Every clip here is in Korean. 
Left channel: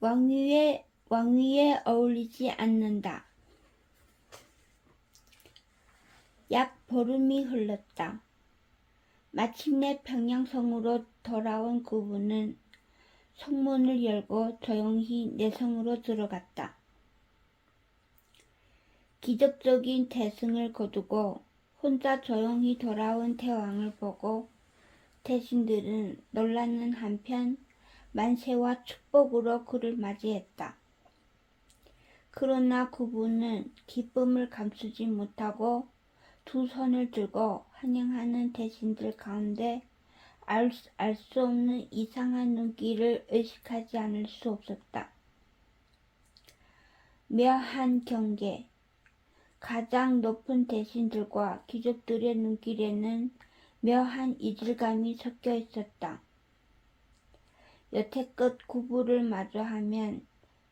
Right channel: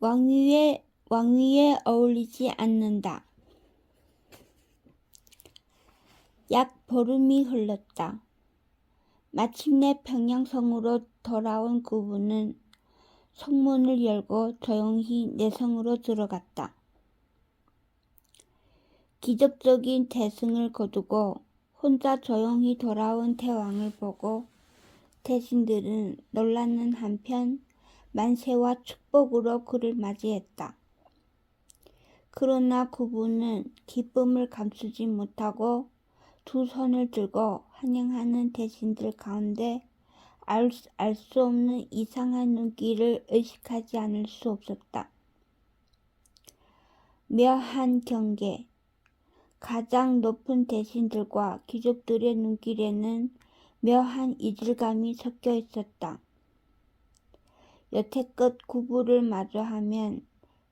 왕위에 어울리지 않는다. 약 보름이 흘렀다. 마침내 평양성으로 돌아온 구부는 성문을 열고 조용히 내성으로 들어갔다. 기적적인 대승을 거두고 혼자 조용히 돌아온 태왕을 보고 대신들은 놀라는 한편 만세와 축복으로 그를 맞이했다. 그러나 구부는 기쁨을 감추지 못하고 두 손을 들고 환영하는 대신들 가운데 알 수 없는 이상한 눈길을 의식하지 않을 수 없었다. 묘한 경계, 가장 높은 대신들과 귀족들의 눈길에는 묘한 이질감이 섞여 있었다. 여태껏 구부를 마주하면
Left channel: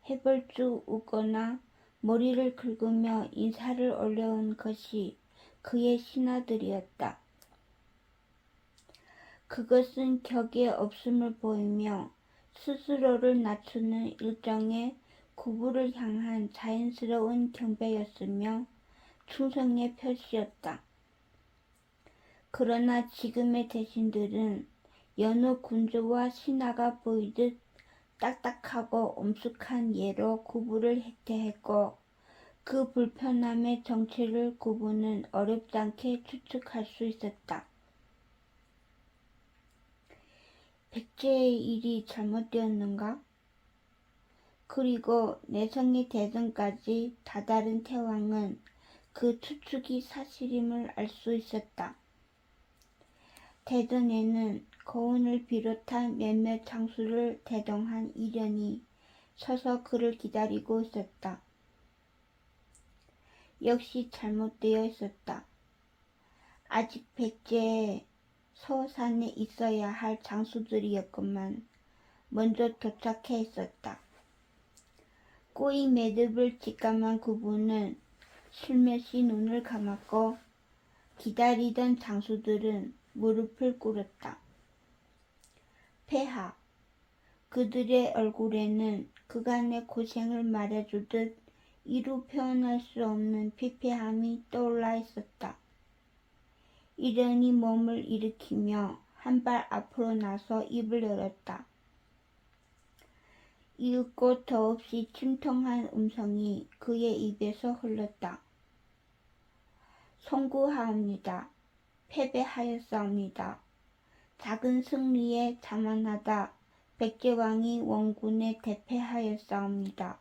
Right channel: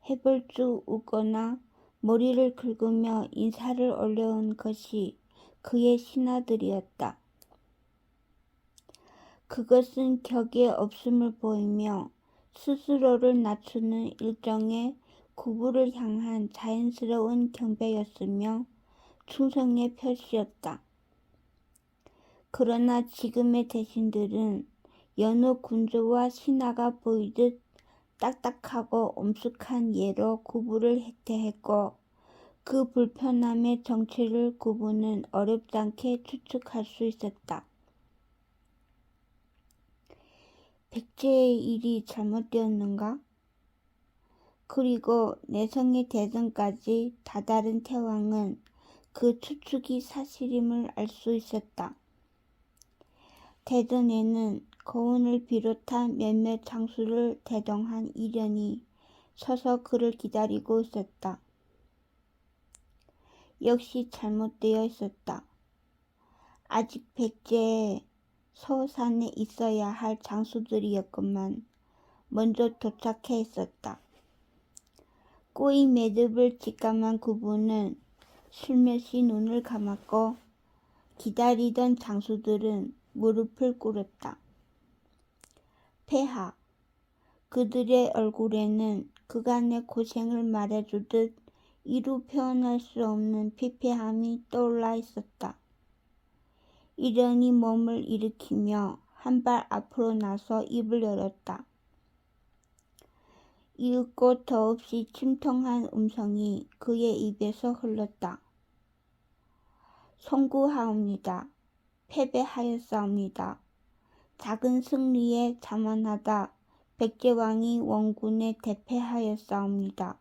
해벌쭉 웃거나 머리를 긁으며 인사를 올려온 것이 그의 신하들이었다. 그것은 격에 없음을 보이며 스스로를 낮추는 일종의 구부를 향한 자연스러운 경배였으며 충성의 표시였다. 그러나 지금의 대신들은 여느 군주와 신하가 보이듯 딱딱하고 엄숙한 예로 구부를 대했고 그 불편함의 정체를 구부는 어렵지 않게 추측할 수 있었다. 백제의 일이 잘못되었는가? 그리고 내성의 대전까지 다다른 태왕은 그 추측이 사실임을 알 수 있었다. 대전에는 거운을 비롯한 몇몇 장수를 대동한 이련이 서서 그를 기다리고 있었다. 역시 잘못되어 있었다. 아직 백제의 서산에 있어야 할 장수들이었건만 먼저 도착해 있었다. 꼬이 매듭을 직감한 구부는 슬며시 눈을 감았고 기다리던 장수들은 무릎을 꿇었다. 폐하, 그들의 얼굴에는 그간의 고생을 말해주듯 이루 표현할 수 없는 피폐함이 떠올라 있었다. 이련이 몸을 일으키며 한 발 앞으로 나서 입을 열었다. 이윽고 더없이 침통한 음성이 그의 입에서 흘렀다. 송구하옵니다. 패배하였사옵니다. 작은 승리에 자만하다 백제왕이 원군에 대패하였사옵니다.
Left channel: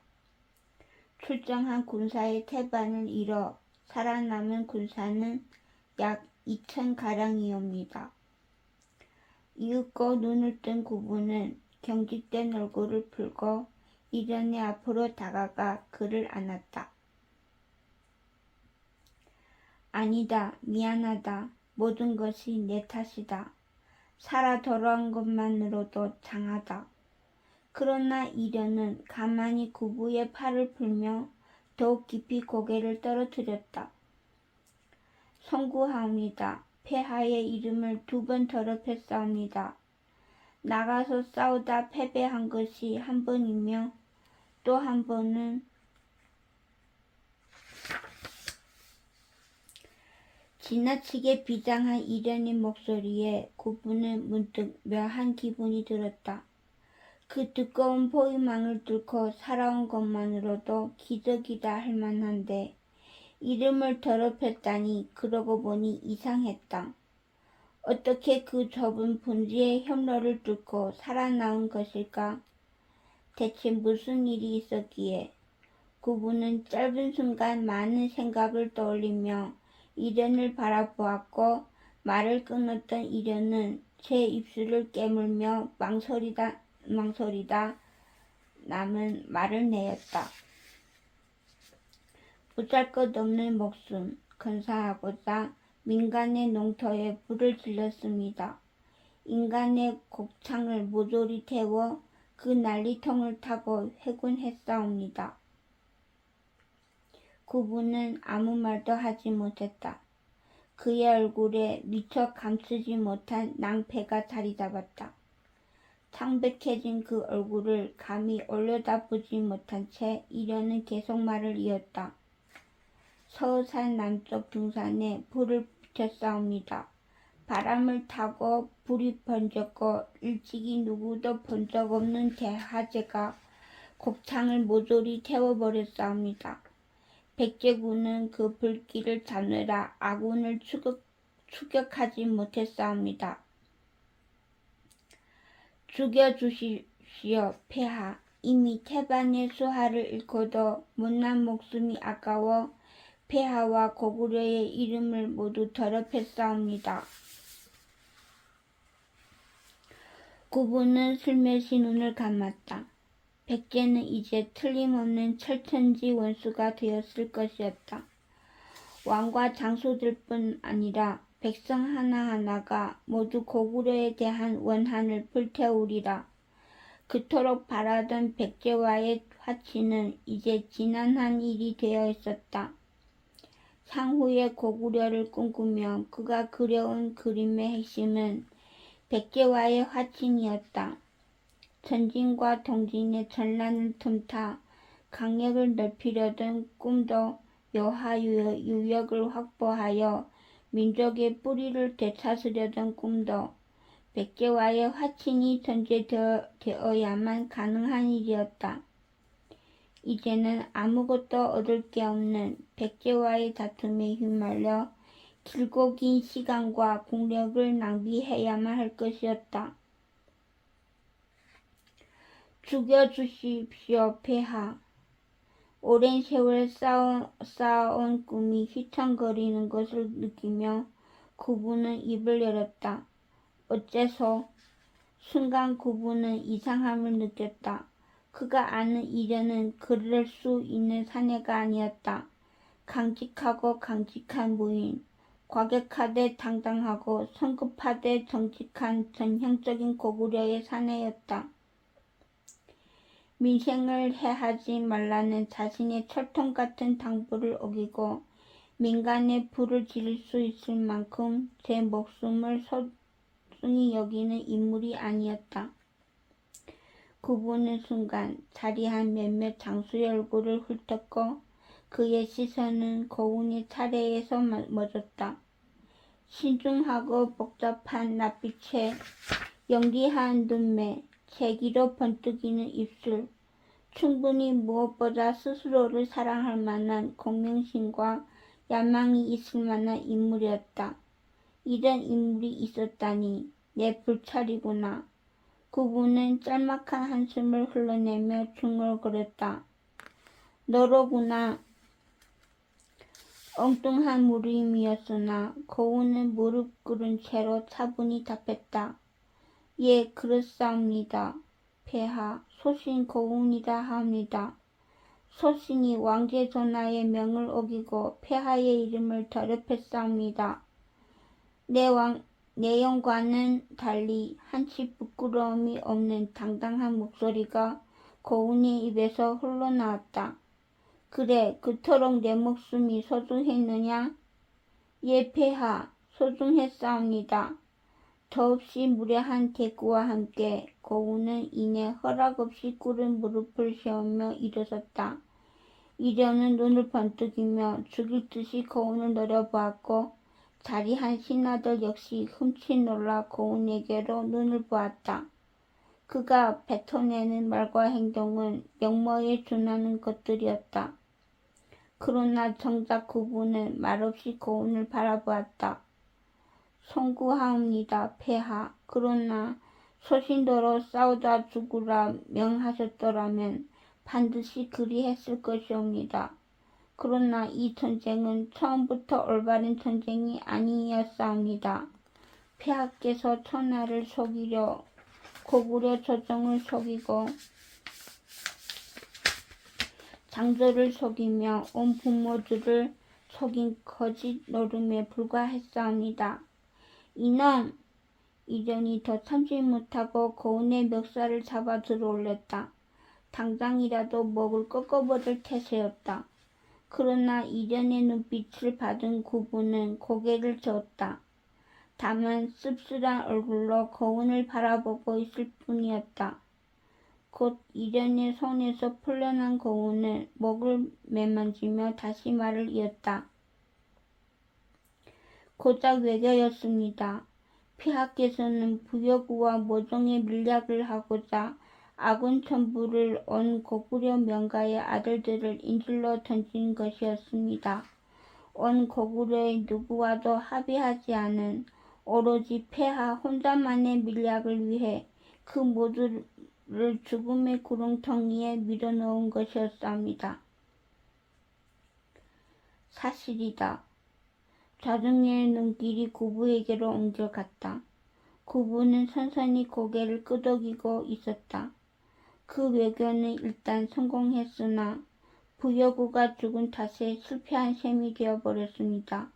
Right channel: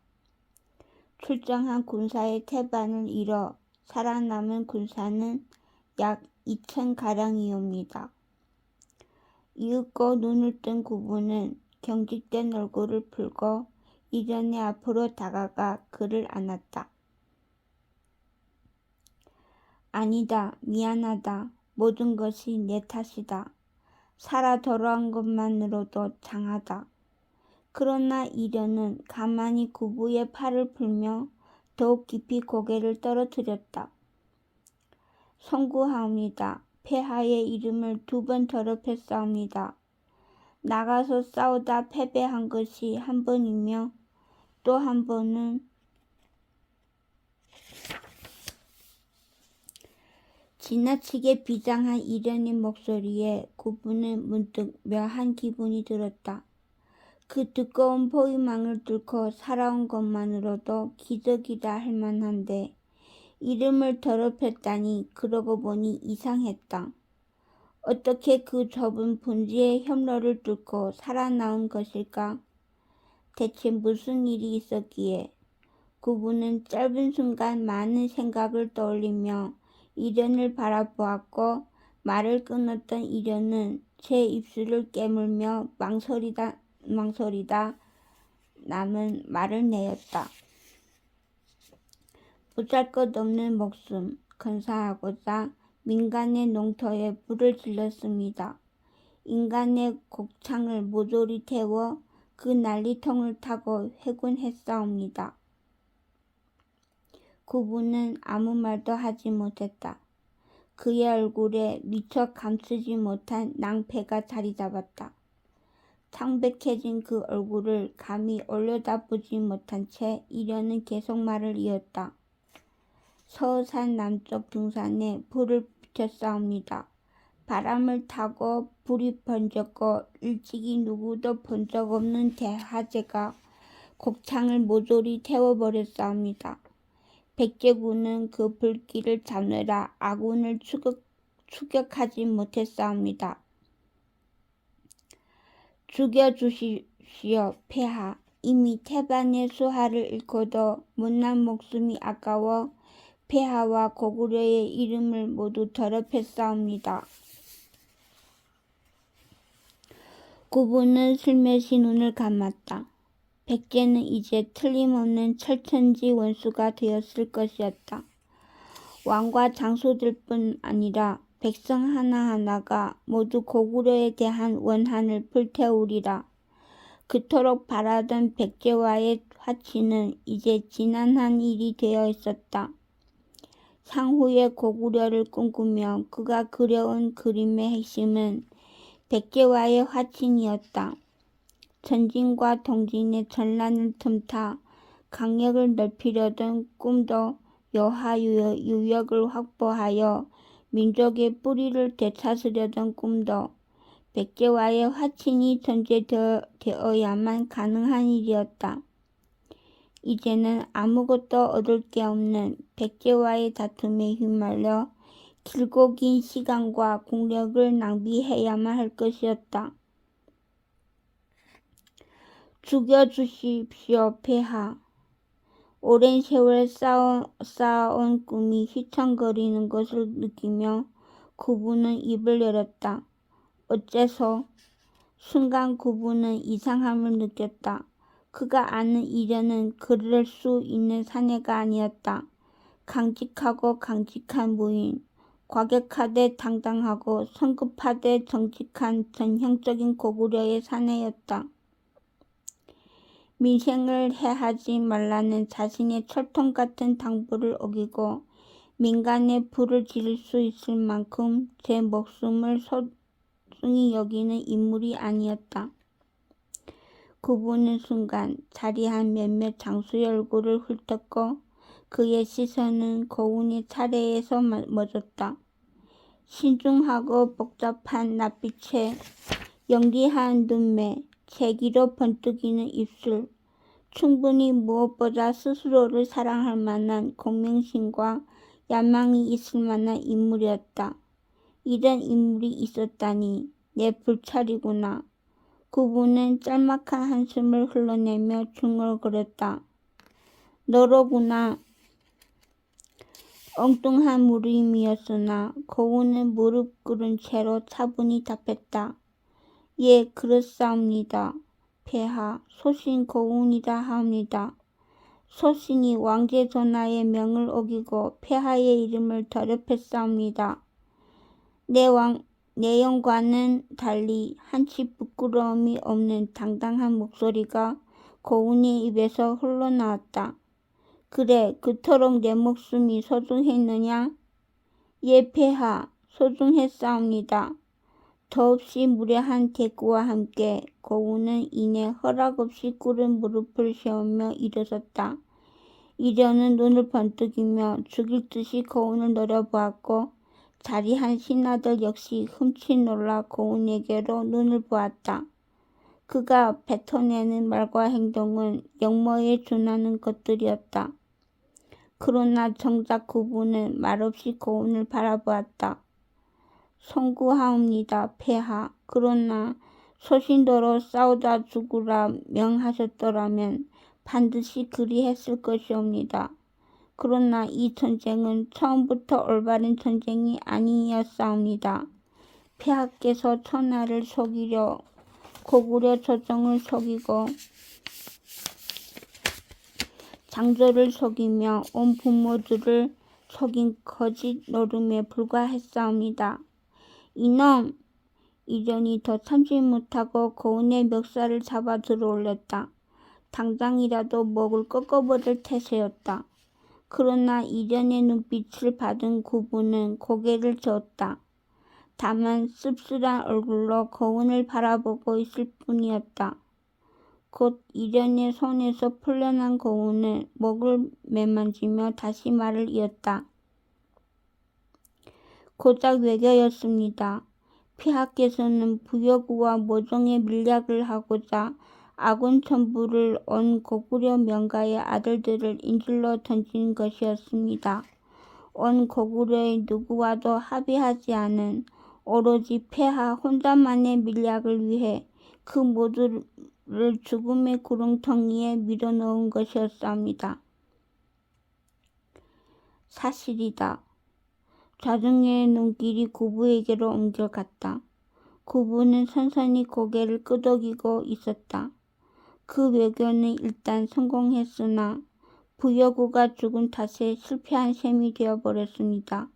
출정한 군사의 태반을 잃어 살아남은 군사는 약 2,000가량이옵니다. 이윽고 눈을 뜬 구부는 경직된 얼굴을 풀고 이련의 앞으로 다가가 그를 안았다. 아니다. 미안하다. 모든 것이 내 탓이다. 살아 돌아온 것만으로도 장하다. 그러나 이련은 가만히 구부의 팔을 풀며 더욱 깊이 고개를 떨어뜨렸다. 송구하옵니다. 폐하의 이름을 2번 더럽혔사옵니다. 나가서 싸우다 패배한 것이 한 번이며 또 한 번은 지나치게 비장한 이련의 목소리에 구부는 문득 묘한 기분이 들었다. 그 두꺼운 포위망을 뚫고 살아온 것만으로도 기적이다 할 만한데 이름을 더럽혔다니 그러고 보니 이상했다. 어떻게 그 좁은 분지의 협로를 뚫고 살아나온 것일까? 대체 무슨 일이 있었기에? 구부는 짧은 순간 많은 생각을 떠올리며 이련을 바라보았고 말을 끊었던 이련은 제 입술을 깨물며 망설이다 남은 말을 내었다. 보잘것없는 목숨 건사하고자 민간의 농토에 불을 질렀습니다. 인간의 곡창을 모조리 태워 그 난리통을 타고 회군했사옵니다. 구부는 아무 말도 하지 못했다. 그의 얼굴에 미처 감추지 못한 낭패가 자리 잡았다. 창백해진 그 얼굴을 감히 올려다보지 못한 채 이련은 계속 말을 이었다. 서산 남쪽 등산에 불을 붙였사옵니다. 바람을 타고 불이 번졌고 일찍이 누구도 본 적 없는 대화재가 곱창을 모조리 태워버렸사옵니다. 백제군은 그 불길을 잡느라 아군을 추격하지 못했사옵니다. 죽여주십시오, 폐하. 이미 태반의 수하를 잃고도 못난 목숨이 아까워 폐하와 고구려의 이름을 모두 더럽혔사옵니다. 구부는 슬며시 눈을 감았다. 백제는 이제 틀림없는 철천지 원수가 되었을 것이었다. 왕과 장수들뿐 아니라 백성 하나하나가 모두 고구려에 대한 원한을 불태우리라. 그토록 바라던 백제와의 화치는 이제 지난한 일이 되어 있었다. 향후에 고구려를 꿈꾸며 그가 그려온 그림의 핵심은 백제와의 화친이었다. 전진과 동진의 전란을 틈타 강력을 넓히려던 꿈도 여하유역을 확보하여 민족의 뿌리를 되찾으려던 꿈도 백제와의 화친이 전제되어야만 가능한 일이었다. 이제는 아무것도 얻을 게 없는 백제와의 다툼에 휘말려 길고 긴 시간과 공력을 낭비해야만 할 것이었다. 죽여주십시오, 폐하. 오랜 세월 쌓아온 꿈이 휘청거리는 것을 느끼며 구부는 입을 열었다. 어째서? 순간 구부는 이상함을 느꼈다. 그가 아는 이련은 그럴 수 있는 사내가 아니었다. 강직하고 강직한 무인, 과격하되 당당하고 성급하되 정직한 전형적인 고구려의 사내였다. 민생을 해하지 말라는 자신의 철통 같은 당부를 어기고 민간에 불을 지를 수 있을 만큼 제 목숨을 소중히 여기는 인물이 아니었다. 구부는 순간 자리한 몇몇 장수의 얼굴을 훑었고 그의 시선은 고운의 차례에서 멎었다. 신중하고 복잡한 낯빛에 영리한 눈매, 재기로 번뜩이는 입술, 충분히 무엇보다 스스로를 사랑할 만한 공명심과 야망이 있을 만한 인물이었다. 이런 인물이 있었다니 내 불찰이구나. 구부는 짤막한 한숨을 흘러내며 중얼거렸다. 너로구나. 엉뚱한 물음이었으나 고운은 무릎 꿇은 채로 차분히 답했다. 예, 그렇사옵니다. 폐하, 소신 고운이다 하옵니다. 소신이 왕제 전하의 명을 어기고 폐하의 이름을 더럽혔사옵니다. 내용과는 달리 한치 부끄러움이 없는 당당한 목소리가 고운의 입에서 흘러나왔다. 그래, 그토록 내 목숨이 소중했느냐? 예, 폐하, 소중했사옵니다. 더없이 무례한 대꾸와 함께 고운은 이내 허락없이 꿇은 무릎을 세우며 일어섰다. 이련은 눈을 번뜩이며 죽일 듯이 고운을 노려보았고 자리한 신하들 역시 흠칫 놀라 고운에게로 눈을 보았다. 그가 뱉어내는 말과 행동은 영모에 준하는 것들이었다. 그러나 정작 구부는 말없이 고운을 바라보았다. 송구하옵니다, 폐하. 그러나 소신도로 싸우다 죽으라 명하셨더라면 반드시 그리했을 것이옵니다. 그러나 이 전쟁은 처음부터 올바른 전쟁이 아니었사옵니다. 폐하께서 천하를 속이려 고구려 조정을 속이고 장조를 속이며 온 부모들을 속인 거짓 노름에 불과했사옵니다. 이놈! 이련이 더 참지 못하고 고운의 멱살을 잡아 들어올렸다. 당장이라도 목을 꺾어버릴 태세였다. 그러나 이련의 눈빛을 받은 구부는 고개를 저었다. 다만 씁쓸한 얼굴로 거운을 바라보고 있을 뿐이었다. 곧 이련의 손에서 풀려난 거운은 목을 매만지며 다시 말을 이었다. 고작 외교였습니다. 폐하께서는 부여구와 모종의 밀약을 하고자 아군 천부를 온 고구려 명가의 아들들을 인질로 던진 것이었습니다. 온 고구려의 누구와도 합의하지 않은 오로지 폐하 혼자만의 밀약을 위해 그 모두를 죽음의 구렁텅이에 밀어넣은 것이었습니다. 사실이다. 좌중의 눈길이 구부에게로 옮겨갔다. 구부는 선선히 고개를 끄덕이고 있었다. 그 외교는 일단 성공했으나 부여구가 죽은 탓에 실패한 셈이 되어버렸습니다.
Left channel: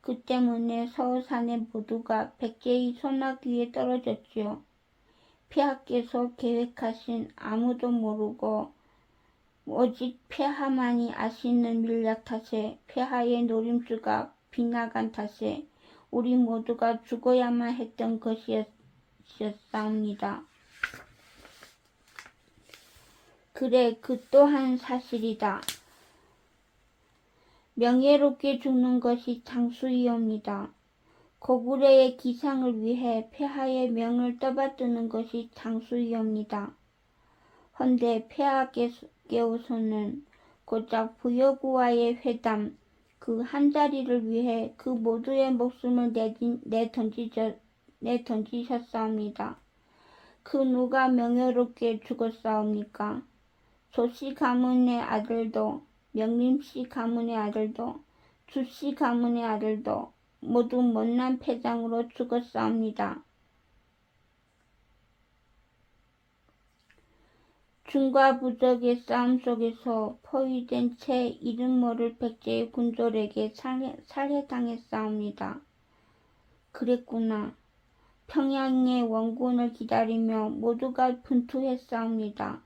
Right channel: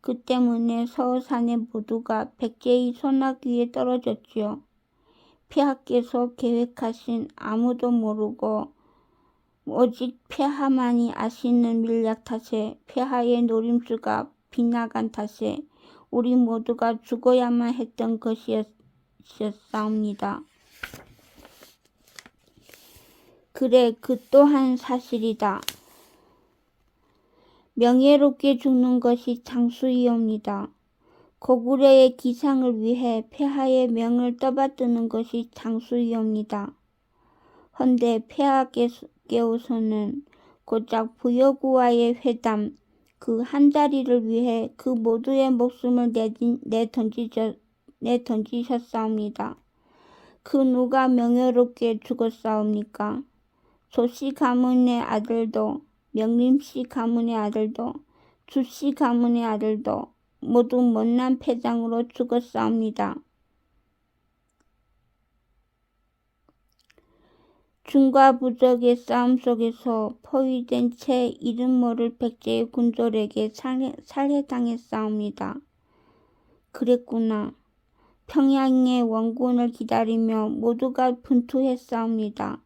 그 때문에 서울산의 모두가 백제의 손아귀 위에 떨어졌지요. 폐하께서 계획하신 아무도 모르고 오직 폐하만이 아시는 밀약 탓에 폐하의 노림수가 빗나간 탓에 우리 모두가 죽어야만 했던 것이었사옵니다. 그래, 그 또한 사실이다. 명예롭게 죽는 것이 장수이옵니다. 고구려의 기상을 위해 폐하의 명을 떠받드는 것이 장수이옵니다. 헌데 폐하께서는 고작 부여구와의 회담 그 한 자리를 위해 그 모두의 목숨을 내던지셨사옵니다. 그 누가 명예롭게 죽었사옵니까? 조씨 가문의 아들도, 명림씨 가문의 아들도, 주씨 가문의 아들도 모두 못난 패장으로 죽었사옵니다. 중과 부적의 싸움 속에서 포위된 채 이름 모를 백제의 군졸에게 살해당했사옵니다. 그랬구나. 평양의 원군을 기다리며 모두가 분투했사옵니다.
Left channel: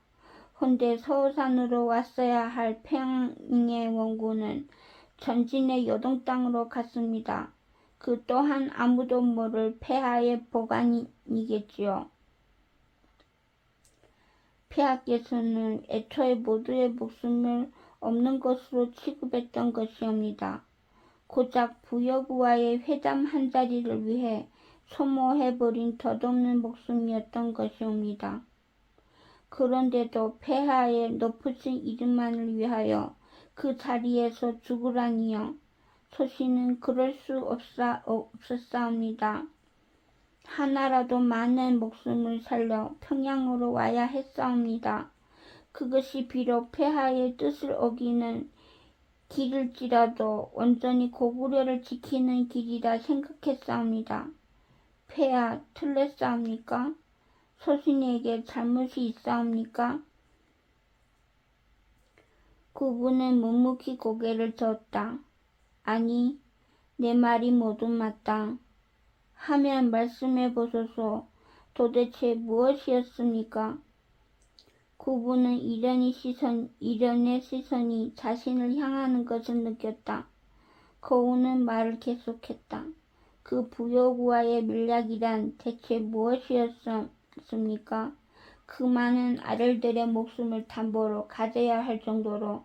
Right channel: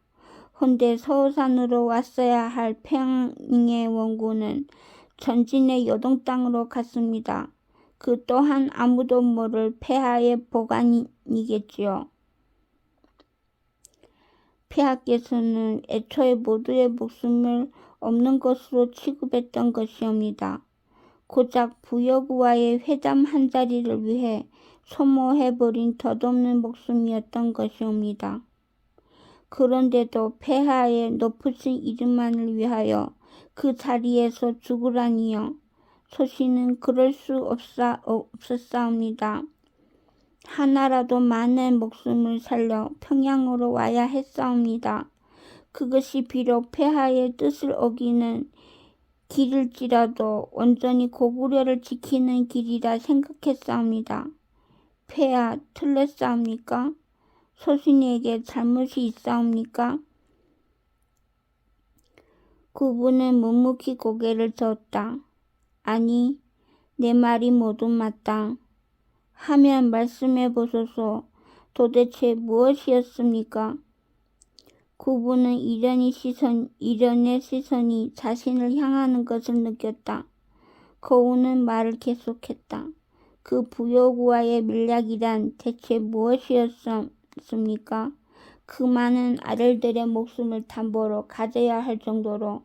헌데 서울산으로 왔어야 할 평양의 원군은 전진의 요동 땅으로 갔습니다. 그 또한 아무도 모를 폐하의 보관이겠지요. 폐하께서는 애초에 모두의 목숨을 없는 것으로 취급했던 것이옵니다. 고작 부여구와의 회담 한 자리를 위해 소모해버린 덧없는 목숨이었던 것이옵니다. 그런데도 폐하의 높으신 이름만을 위하여 그 자리에서 죽으라니요. 소신은 그럴 수 없었사옵니다. 하나라도 많은 목숨을 살려 평양으로 와야 했사옵니다. 그것이 비록 폐하의 뜻을 어기는 길일지라도 온전히 고구려를 지키는 길이라 생각했사옵니다. 폐하 틀렸사옵니까? 소신에게 잘못이 있사옵니까? 구부는 묵묵히 고개를 저었다. 아니, 내 말이 모두 맞다. 하면 말씀해 보소서. 도대체 무엇이었습니까? 구부는 이련의 시선이 자신을 향하는 것을 느꼈다. 거운은 말을 계속했다. 그 부여구와의 밀약이란 대체 무엇이었습니까? 그 많은 아들들의 목숨을 담보로 가져야 할 정도로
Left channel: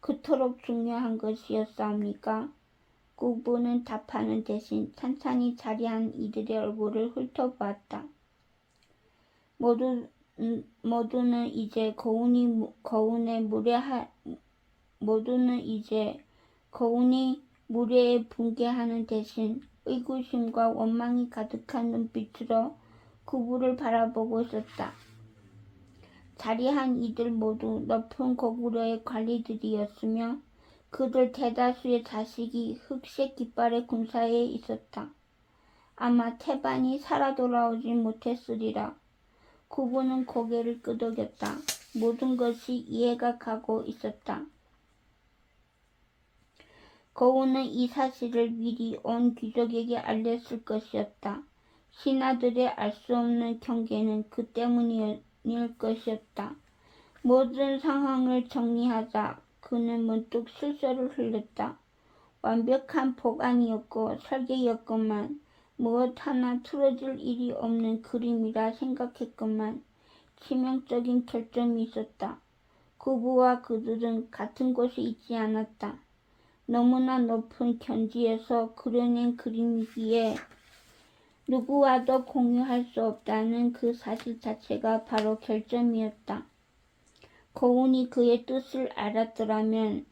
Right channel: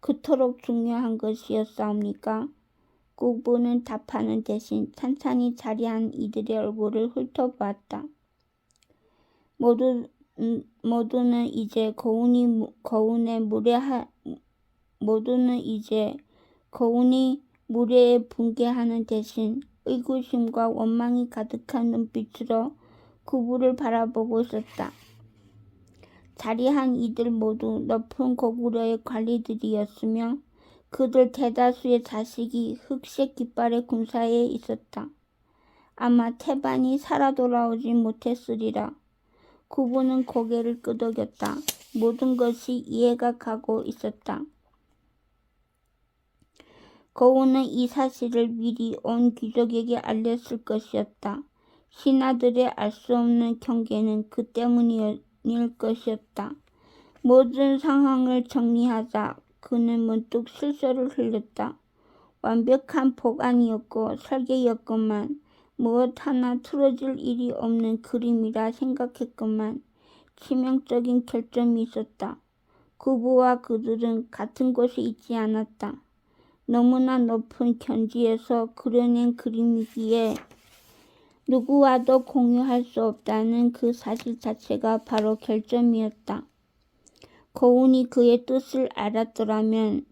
그토록 중요한 것이었사옵니까? 구부는 답하는 대신 찬찬히 자리한 이들의 얼굴을 훑어보았다. 모두는 이제 거운이 무례에 붕괴하는 대신 의구심과 원망이 가득한 눈빛으로 구부를 바라보고 있었다. 자리한 이들 모두 높은 고구려의 관리들이었으며 그들 대다수의 자식이 흑색 깃발의 군사에 있었다. 아마 태반이 살아 돌아오지 못했으리라. 구부는 고개를 끄덕였다. 모든 것이 이해가 가고 있었다. 거운은 이 사실을 미리 온 귀족에게 알렸을 것이었다. 신하들의 알 수 없는 경계는 그 때문일 것이었다. 모든 상황을 정리하자 그는 문득 실소를 흘렸다. 완벽한 보관이었고 설계였건만 무엇 하나 틀어질 일이 없는 그림이라 생각했건만 치명적인 결점이 있었다. 구부와 그들은 같은 곳에 있지 않았다. 너무나 높은 견지에서 그려낸 그림이기에 누구와도 공유할 수 없다는 그 사실 자체가 바로 결점이었다. 고운이 그의 뜻을 알았더라면,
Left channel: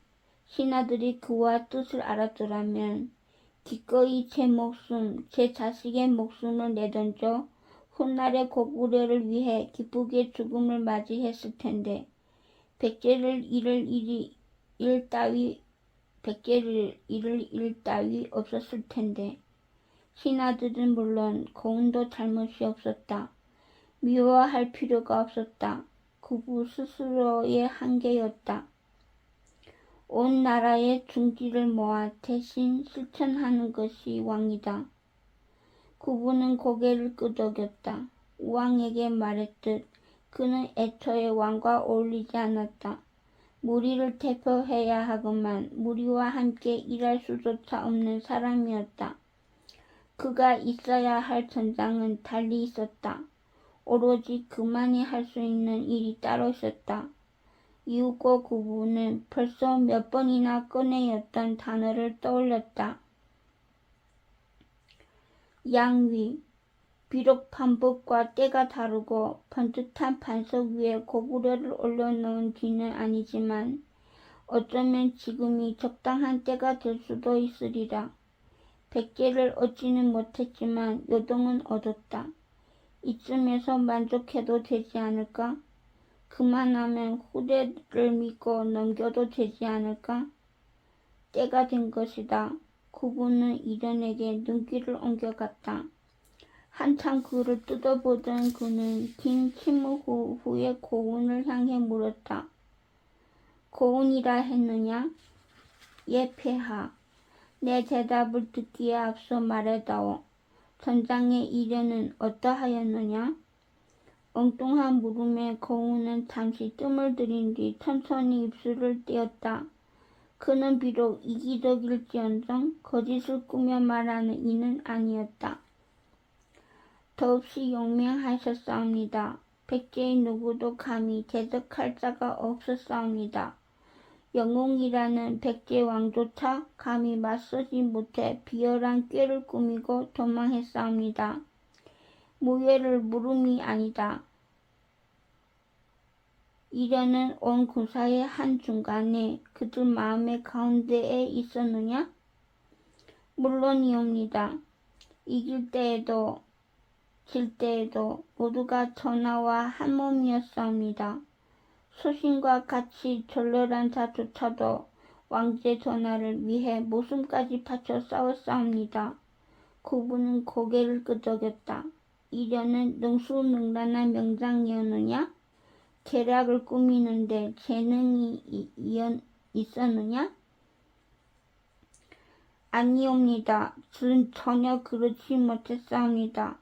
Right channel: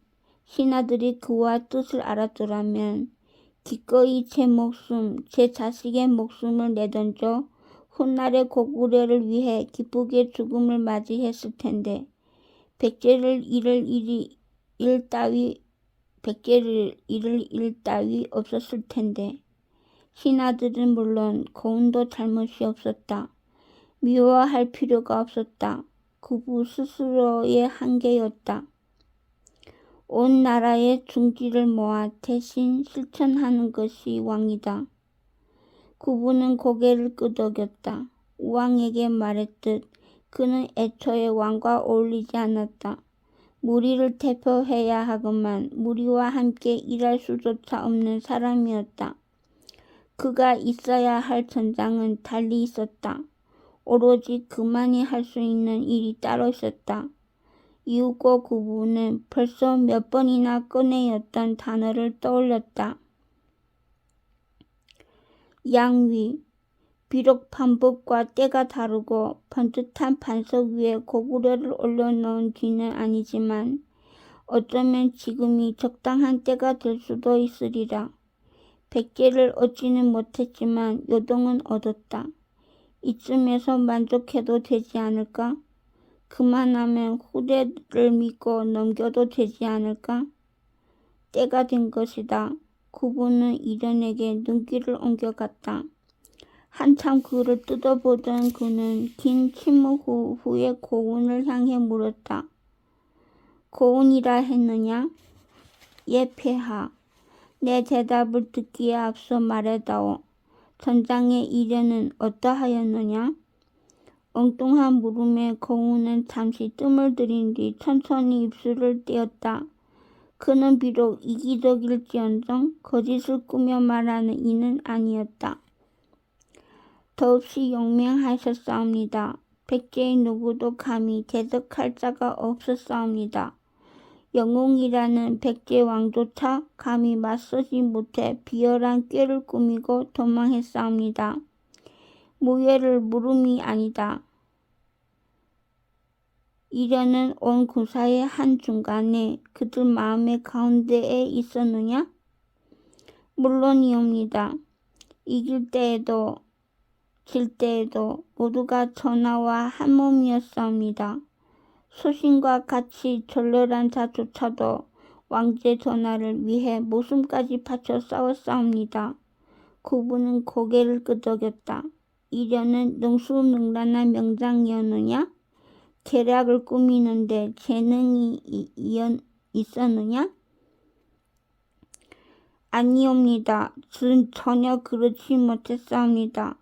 신하들이 그와 뜻을 알았더라면 기꺼이 제 목숨, 제 자식의 목숨을 내던져 훗날의 고구려를 위해 기쁘게 죽음을 맞이했을 텐데 백제를 잃을 일 따위 없었을 텐데. 신하들은 물론 고운도 잘못이 없었다. 미워할 필요가 없었다. 구부 스스로의 한계였다. 온 나라의 중지를 모아 대신 실천하는 것이 왕이다. 구부는 고개를 끄덕였다. 왕에게 말했듯 그는 애초에 왕과 어울리지 않았다. 무리를 대표해야 하건만 무리와 함께 일할 수조차 없는 사람이었다. 그가 있어야 할 전장은 달리 있었다. 오로지 그만이 할 수 있는 일이 따로 있었다. 이윽고 구부는 벌써 몇 번이나 꺼내었던 단어를 떠올렸다. 양위. 비록 반복과 때가 다르고 번듯한 반석 위에 고구려를 올려놓은 뒤는 아니지만 어쩌면 지금이 적당한 때가 될 수도 있으리라. 백제를 얻지는 못했지만 요동은 얻었다. 이쯤에서 만족해도 되지 않을까? 그만하면 후대를 믿고 넘겨도 되지 않을까? 때가 된 것이다. 구부는 이련에게 눈길을 옮겨갔다. 한참 그를 뜯어보던 그는 긴 침묵 후에 고운을 향해 물었다. 고운이라 했느냐? 예, 폐하. 내 대답을 듣기에 앞서 말해다오. 전장의 이련은 어떠하였느냐? 엉뚱한 물음에 고운은 잠시 뜸을 들인 뒤 천천히 입술을 떼었다. 그는 비록 이기적일지언정 거짓을 꾸며 말하는 이는 아니었다. 더없이 용맹하셨사옵니다. 백제의 누구도 감히 대적할 자가 없었사옵니다. 영웅이라는 백제 왕조차 감히 맞서지 못해 비열한 꾀를 꾸미고 도망했사옵니다. 무예를 물음이 아니다. 이련은 온 군사의 한중간에 그들 마음의 가운데에 있었느냐? 물론이옵니다. 이길 때에도 질 때에도 모두가 전하와 한 몸이었사옵니다. 소신과 같이 절렬한 자조차도 왕제 전하를 위해 목숨까지 바쳐 싸웠사옵니다. 구부는 고개를 끄덕였다. 이련은 능수능란한 명장이었느냐? 계략을 꾸미는데 재능이 있었느냐? 아니옵니다. 전혀 그렇지 못했사옵니다.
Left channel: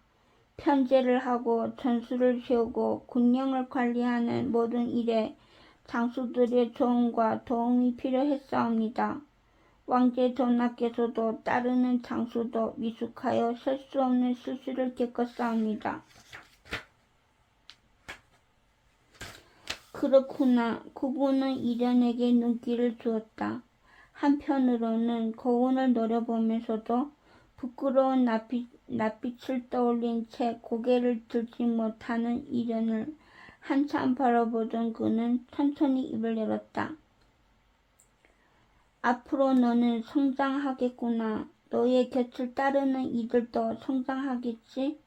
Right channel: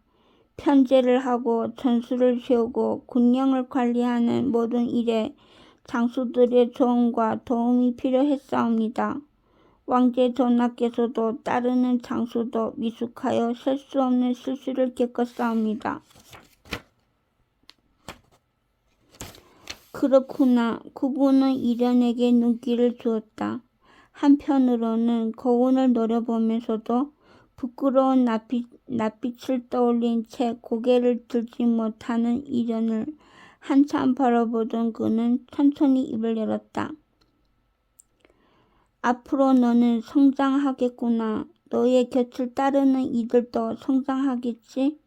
편제를 하고 전술을 세우고 군령을 관리하는 모든 일에 장수들의 조언과 도움이 필요했사옵니다. 왕제 전하께서도 따르는 장수도 미숙하여 셀 수 없는 실수를 겪었사옵니다. 그렇구나. 구부는 이련에게 눈길을 주었다. 한편으로는 고운을 노려보면서도 부끄러운 낯빛을 떠올린 채 고개를 들지 못하는 이련을 한참 바라보던 그는 천천히 입을 열었다. 앞으로 너는 성장하겠구나. 너의 곁을 따르는 이들도 성장하겠지?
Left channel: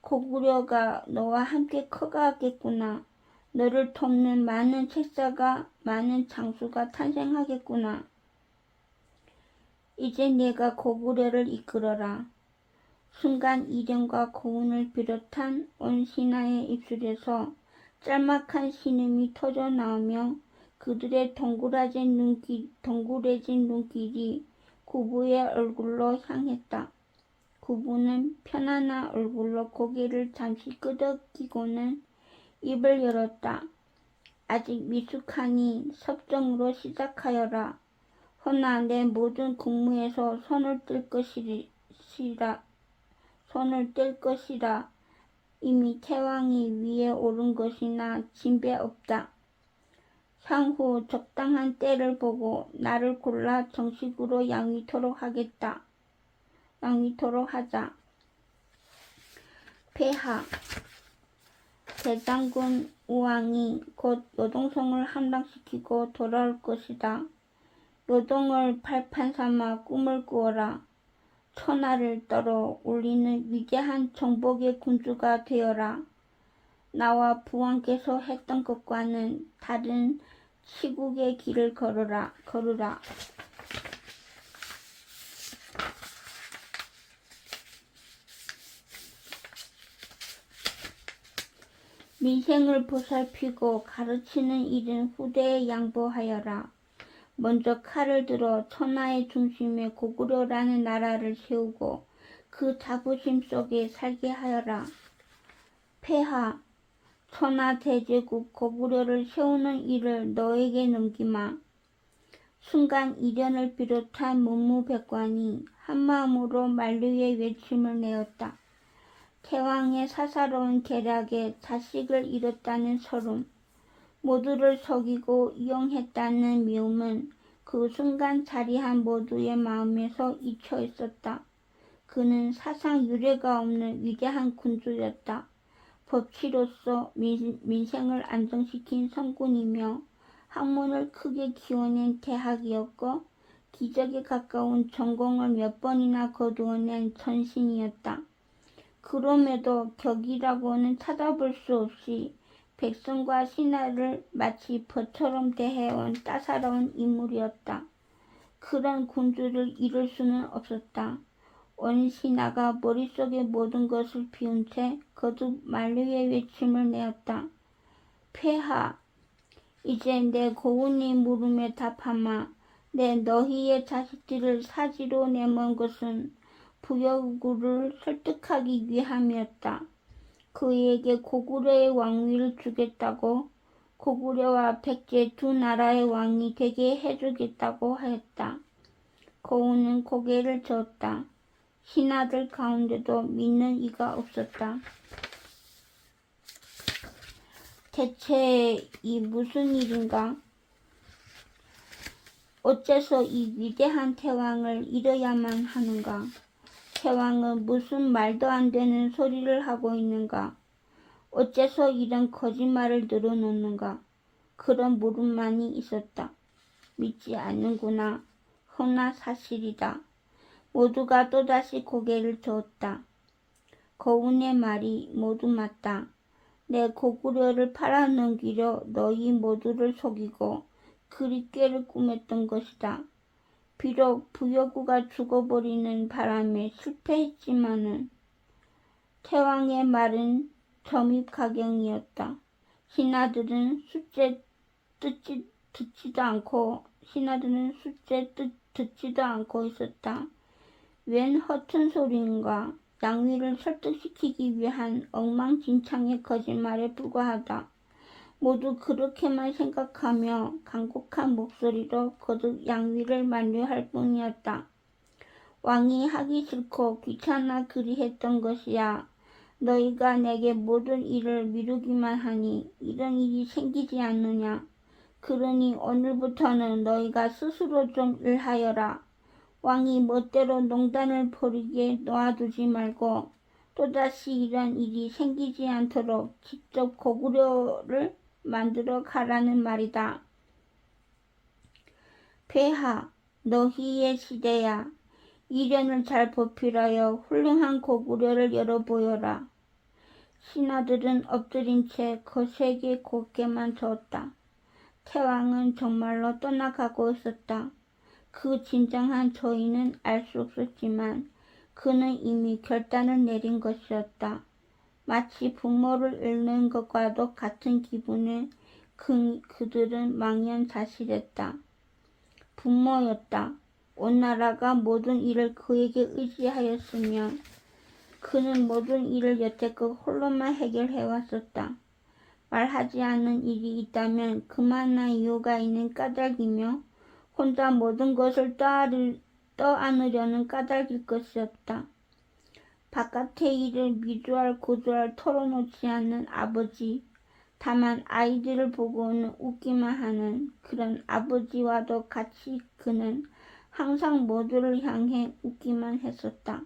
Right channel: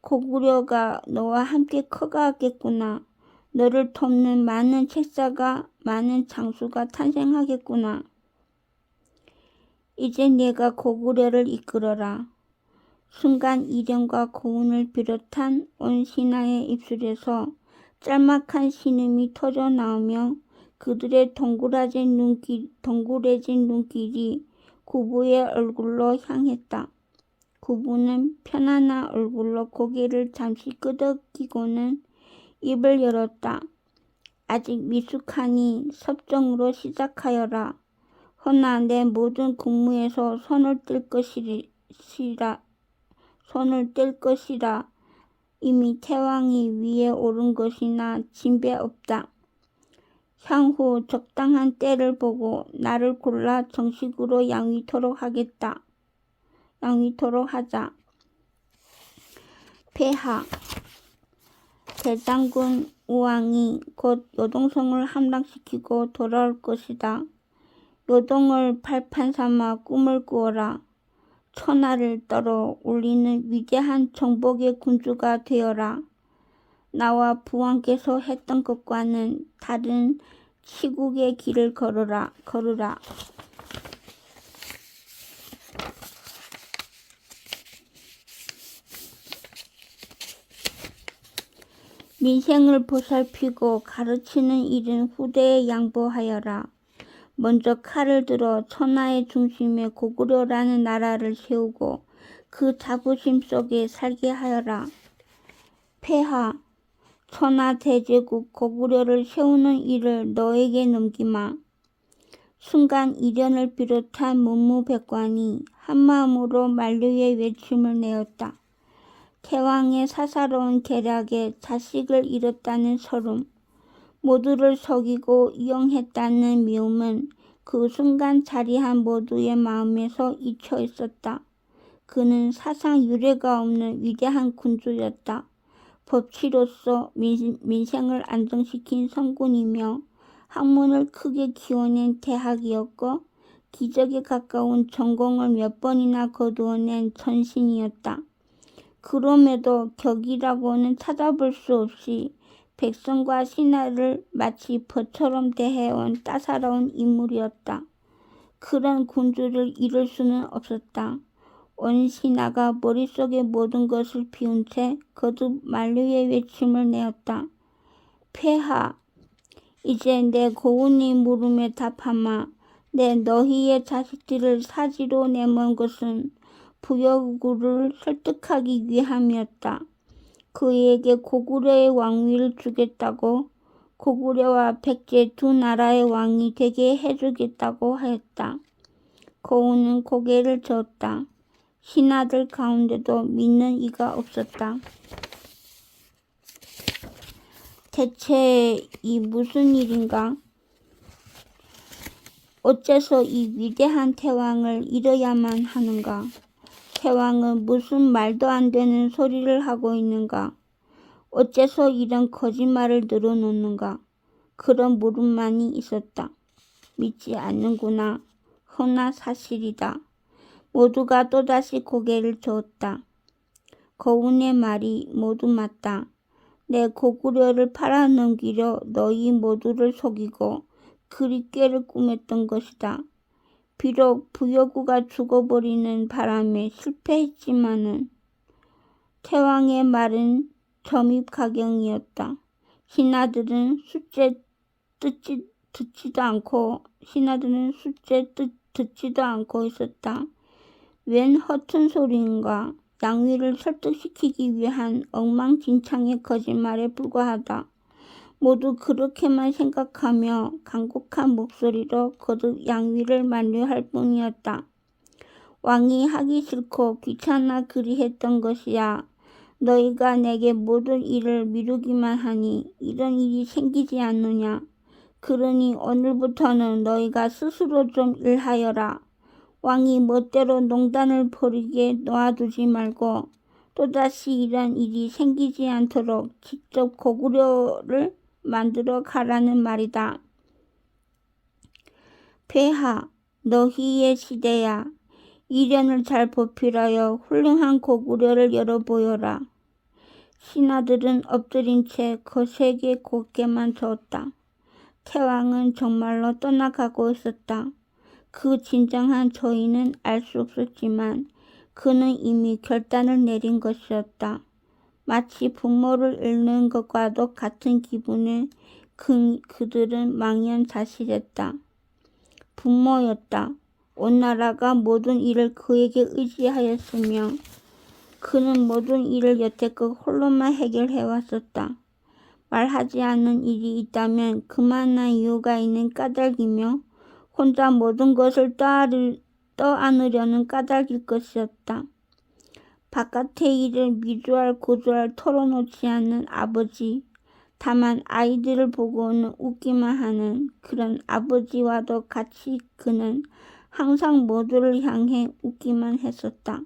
고구려가 너와 함께 커가겠구나. 너를 돕는 많은 책사가, 많은 장수가 탄생하겠구나. 이제 내가 고구려를 이끌어라. 순간 이련과 고운을 비롯한 온 신하의 입술에서 짤막한 신음이 터져나오며 그들의 동그래진 눈길이 구부의 얼굴로 향했다. 구부는 편안한 얼굴로 고개를 잠시 끄덕이고는 입을 열었다. 아직 미숙하니 섭정으로 시작하여라. 허나 내 모든 국무에서 손을 뗄 것이라. 손을 뗄 것이라. 이미 태왕이 위에 오른 것이나 진배 없다. 향후 적당한 때를 보고 나를 골라 정식으로 양위토록 하자. 폐하. 대장군 우왕이 곧 요동성을 함락시키고 돌아올 것이다. 요동을 발판 삼아 꿈을 꾸어라. 천하를 떨어 울리는 위대한 정복의 군주가 되어라. 나와 부왕께서 했던 것과는 다른 시국의 길을 걸으라. 민생을 보살피고 가르치는 일은 후대에 양보하여라. 먼저 칼을 들어 천하의 중심에 고구려라는 나라를 세우고 그 자부심 속에 살게 하여라. 폐하. 천하 대제국 고구려를 세우는 일을 너에게 넘기마. 순간 이련을 비롯한 문무백관이 한마음으로 만류의 외침을 내었다. 태왕의 사사로운 계략에 자식을 잃었다는 서름, 모두를 속이고 이용했다는 미움은 그 순간 자리한 모두의 마음에서 잊혀 있었다. 그는 사상 유례가 없는 위대한 군주였다. 법치로서 민생을 안정시킨 성군이며 학문을 크게 키워낸 대학이었고 기적에 가까운 전공을 몇 번이나 거두어낸 전신이었다. 그럼에도 격이라고는 찾아볼 수 없이 백성과 신하를 마치 벌처럼 대해온 따사로운 인물이었다. 그런 군주를 잃을 수는 없었다. 온 신하가 머릿속의 모든 것을 비운 채 거듭 만류의 외침을 내었다. 폐하. 이제 내 고운의 물음에 답하마. 내 너희의 자식들을 사지로 내몬 것은 부여구를 설득하기 위함이었다. 그에게 고구려의 왕위를 주겠다고, 고구려와 백제 두 나라의 왕이 되게 해주겠다고 하였다. 고운은 고개를 저었다. 신하들 가운데도 믿는 이가 없었다. 대체 이 무슨 일인가? 어째서 이 위대한 태왕을 잃어야만 하는가? 태왕은 무슨 말도 안 되는 소리를 하고 있는가? 어째서 이런 거짓말을 늘어놓는가? 그런 물음만이 있었다. 믿지 않는구나. 허나 사실이다. 모두가 또다시 고개를 저었다. 고운의 말이 모두 맞다. 내 고구려를 팔아넘기려 너희 모두를 속이고 그릿개를 꾸몄던 것이다. 비록 부여구가 죽어버리는 바람에 실패했지만은 태왕의 말은 점입가경이었다. 신하들은 숫째 듣지도 않고 있었다. 웬 허튼 소리인가? 양위를 설득시키기 위한 엉망진창의 거짓말에 불과하다. 모두 그렇게만 생각하며 간곡한 목소리로 거듭 양위를 만류할 뿐이었다. 왕이 하기 싫고 귀찮아 그리했던 것이야. 너희가 내게 모든 일을 미루기만 하니 이런 일이 생기지 않느냐. 그러니 오늘부터는 너희가 스스로 좀 일하여라. 왕이 멋대로 농단을 벌이게 놔두지 말고 또다시 이런 일이 생기지 않도록 직접 고구려를 만들어 가라는 말이다. 폐하. 너희의 시대야. 이련을 잘 보필하여 훌륭한 고구려를 열어보여라. 신하들은 엎드린 채 거세게 고개만 저었다. 태왕은 정말로 떠나가고 있었다. 그 진정한 저희는 알 수 없었지만 그는 이미 결단을 내린 것이었다. 마치 부모를 잃는 것과도 같은 기분에 그들은 망연자실했다. 부모였다. 온 나라가 모든 일을 그에게 의지하였으며 그는 모든 일을 여태껏 홀로만 해결해왔었다. 말하지 않는 일이 있다면 그만한 이유가 있는 까닭이며 혼자 모든 것을 떠안으려는 까닭일 것이었다. 바깥의 일을 미루할 고루할 털어놓지 않는 아버지, 다만 아이들을 보고는 웃기만 하는 그런 아버지와도 같이 그는 항상 모두를 향해 웃기만 했었다.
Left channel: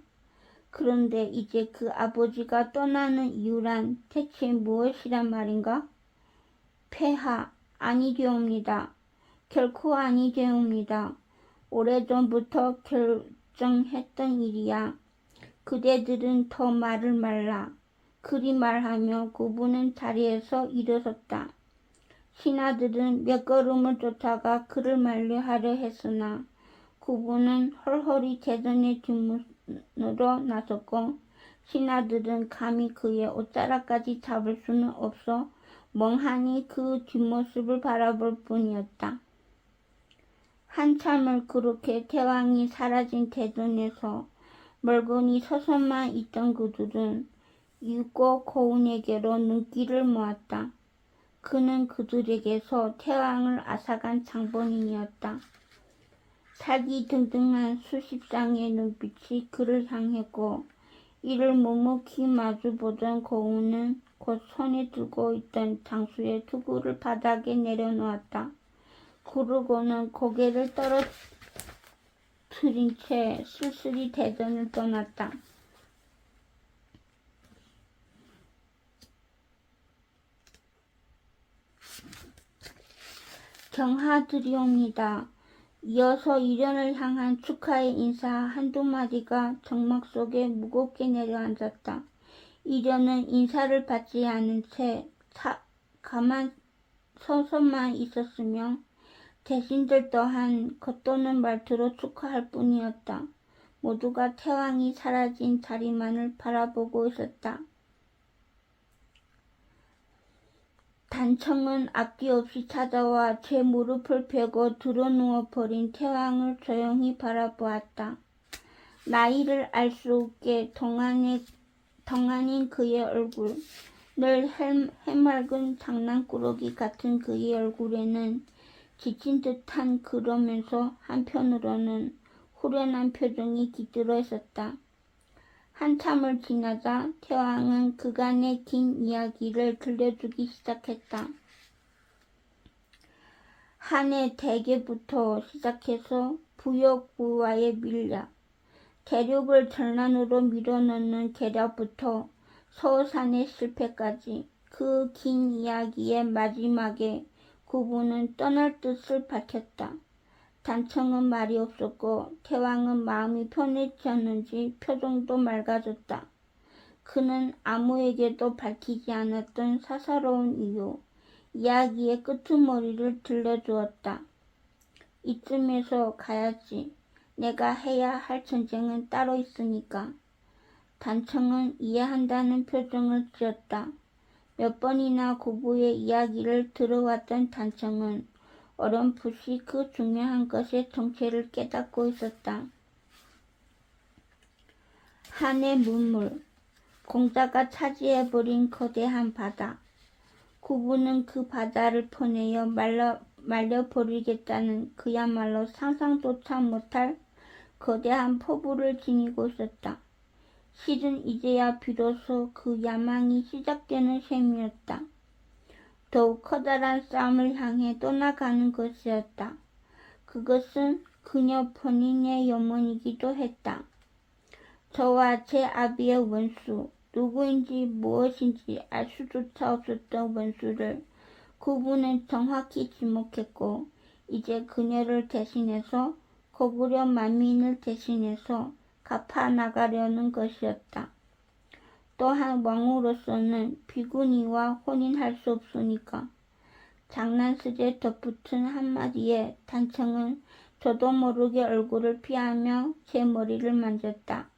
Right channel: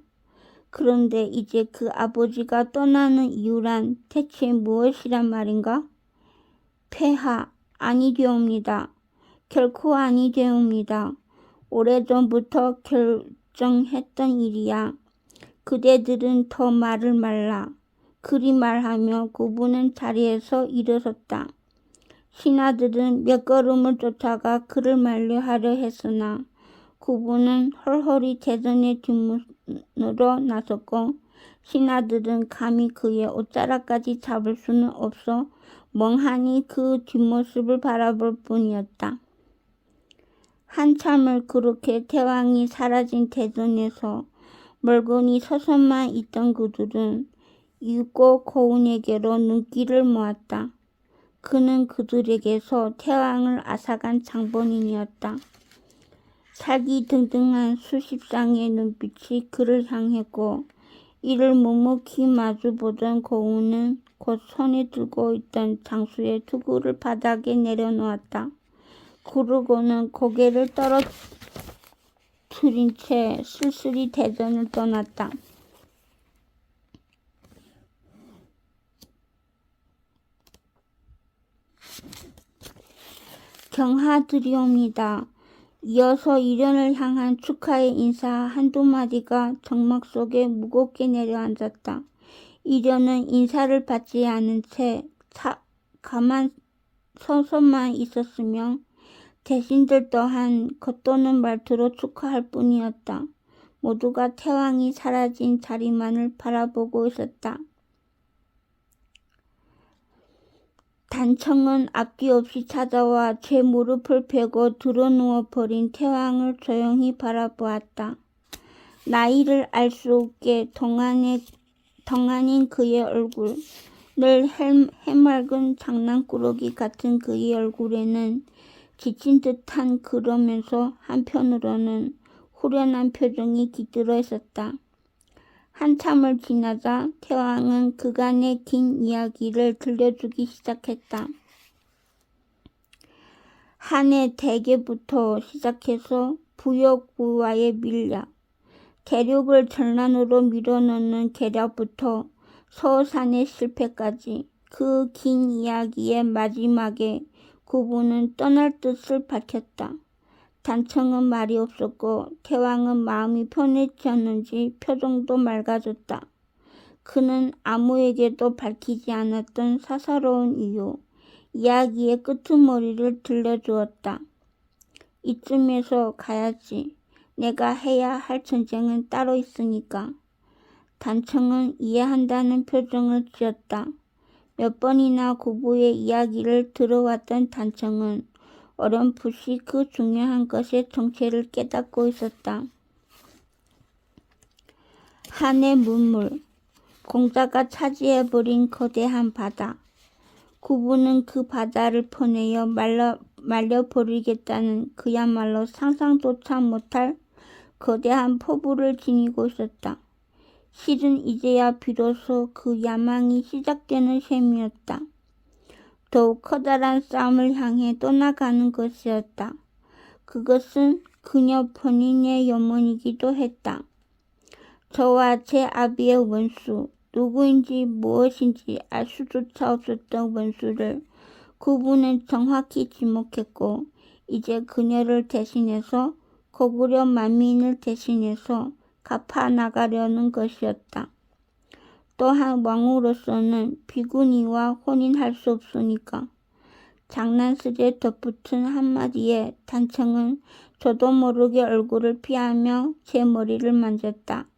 그런데 이제 그 아버지가 떠나는 이유란 대체 무엇이란 말인가? 폐하, 아니되옵니다. 결코 아니되옵니다. 오래전부터 결정했던 일이야. 그대들은 더 말을 말라. 그리 말하며 구부는 자리에서 일어섰다. 신하들은 몇 걸음을 쫓아가 그를 만류하려 했으나 구부는 헐헐이 대전의 뒷문으로 나섰고 신하들은 감히 그의 옷자락까지 잡을 수는 없어 멍하니 그 뒷모습을 바라볼 뿐이었다. 한참을 그렇게 태왕이 사라진 대전에서 멀거니 서서만 있던 그들은 이윽고 고운에게로 눈길을 모았다. 그는 그들에게서 태왕을 앗아간 장본인이었다. 살기등등한 수십 쌍의 눈빛이 그를 향했고 이를 묵묵히 마주보던 고운은 곧 손에 들고 있던 장수의 투구를 바닥에 내려놓았다. 그러고는 고개를 떨어뜨린 채 쓸쓸히 대전을 떠났다. 경하드리옵니다. 이어서 이련을 향한 축하의 인사 한두 마디가 정막 속에 무겁게 내려앉았다. 이련은 인사를 받지 않은 채 가만 서서만 있었으며 대신들 또한 겉도는 말투로 축하할 뿐이었다. 모두가 태왕이 사라진 자리만을 바라보고 있었다. 단청은 앞뒤 없이 찾아와 제 무릎을 베고 드러누워 버린 태왕을 조용히 바라보았다. 나이를 알 수 없게 동안인 그의 얼굴, 늘 해맑은 장난꾸러기 같은 그의 얼굴에는 지친 듯한 그러면서 한편으로는 후련한 표정이 깃들어 있었다. 한참을 지나자 태왕은 그간의 긴 이야기를 들려주기 시작했다. 한해 대계부터 시작해서 부역부와의 밀약, 대륙을 전란으로 밀어넣는 계략부터 서산의 실패까지 그 긴 이야기의 마지막에 구부는 떠날 뜻을 밝혔다. 단청은 말이 없었고 태왕은 마음이 편해졌는지 표정도 맑아졌다. 그는 아무에게도 밝히지 않았던 사사로운 이유, 이야기의 끄트머리를 들려주었다. 이쯤에서 가야지. 내가 해야 할 전쟁은 따로 있으니까. 단청은 이해한다는 표정을 지었다. 몇 번이나 구부의 이야기를 들어왔던 단청은 어렴풋이 그 중요한 것의 정체를 깨닫고 있었다. 한의 문물, 공자가 차지해버린 거대한 바다. 구부는 그 바다를 퍼내어 말려버리겠다는 그야말로 상상조차 못할 거대한 포부를 지니고 있었다. 실은 이제야 비로소 그 야망이 시작되는 셈이었다. 더욱 커다란 싸움을 향해 떠나가는 것이었다. 그것은 그녀 본인의 염원이기도 했다. 저와 제 아비의 원수, 누구인지 무엇인지 알 수조차 없었던 원수를 구부는 정확히 지목했고 이제 그녀를 대신해서 고구려 만민을 대신해서 갚아나가려는 것이었다. 또한 왕으로서는 비구니와 혼인할 수 없으니까. 장난스레 덧붙은 한마디에 단청은 저도 모르게 얼굴을 피하며 제 머리를 만졌다.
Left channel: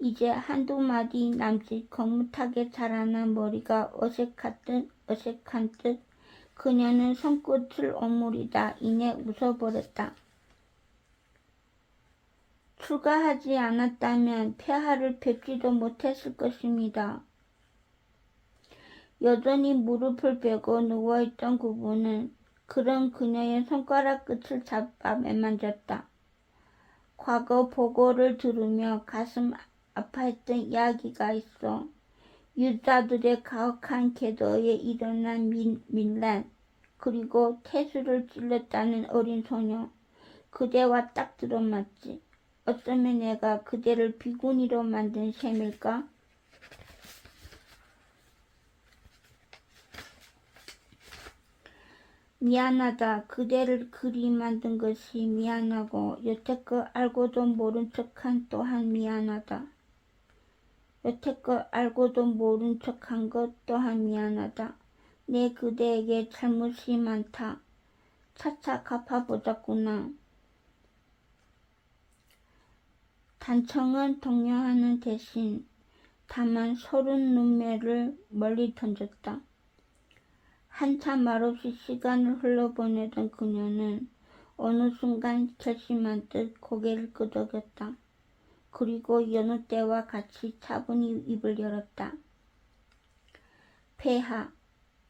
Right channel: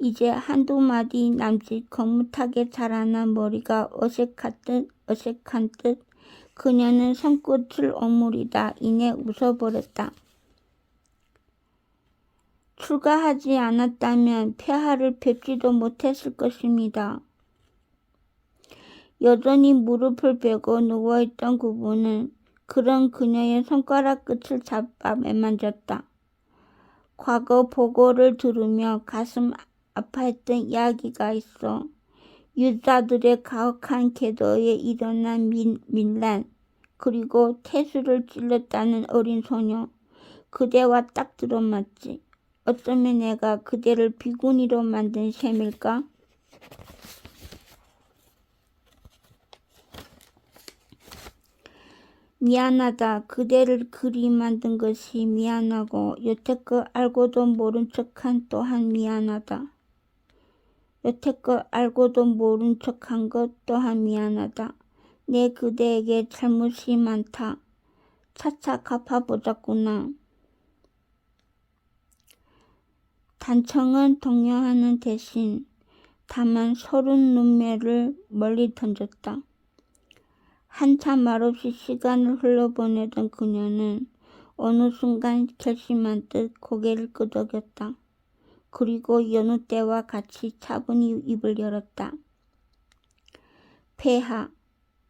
이제 한두 마디 남짓 거뭇하게 자라난 머리가 어색한 듯 그녀는 손끝을 오므리다 이내 웃어버렸다. 출가하지 않았다면 폐하를 뵙지도 못했을 것입니다. 여전히 무릎을 베고 누워있던 구부는 그런 그녀의 손가락 끝을 잡아 매만졌다. 과거 보고를 들으며 가슴 아파했던 이야기가 있어. 유다들의 가혹한 계도에 일어난 민란, 그리고 태수를 찔렀다는 어린 소녀, 그대와 딱 들어맞지. 어쩌면 내가 그대를 비구니로 만든 셈일까? 미안하다. 그대를 그리 만든 것이 미안하고 여태껏 알고도 모른 척한 또한 미안하다. 여태껏 알고도 모른 척한 것 또한 미안하다. 내 그대에게 잘못이 많다. 차차 갚아보자꾸나. 단청은 동요하는 대신 다만 서른 눈매를 멀리 던졌다. 한참 말없이 시간을 흘러보내던 그녀는 어느 순간 결심한 듯 고개를 끄덕였다. 그리고 여느 때와 같이 차분히 입을 열었다. 폐하,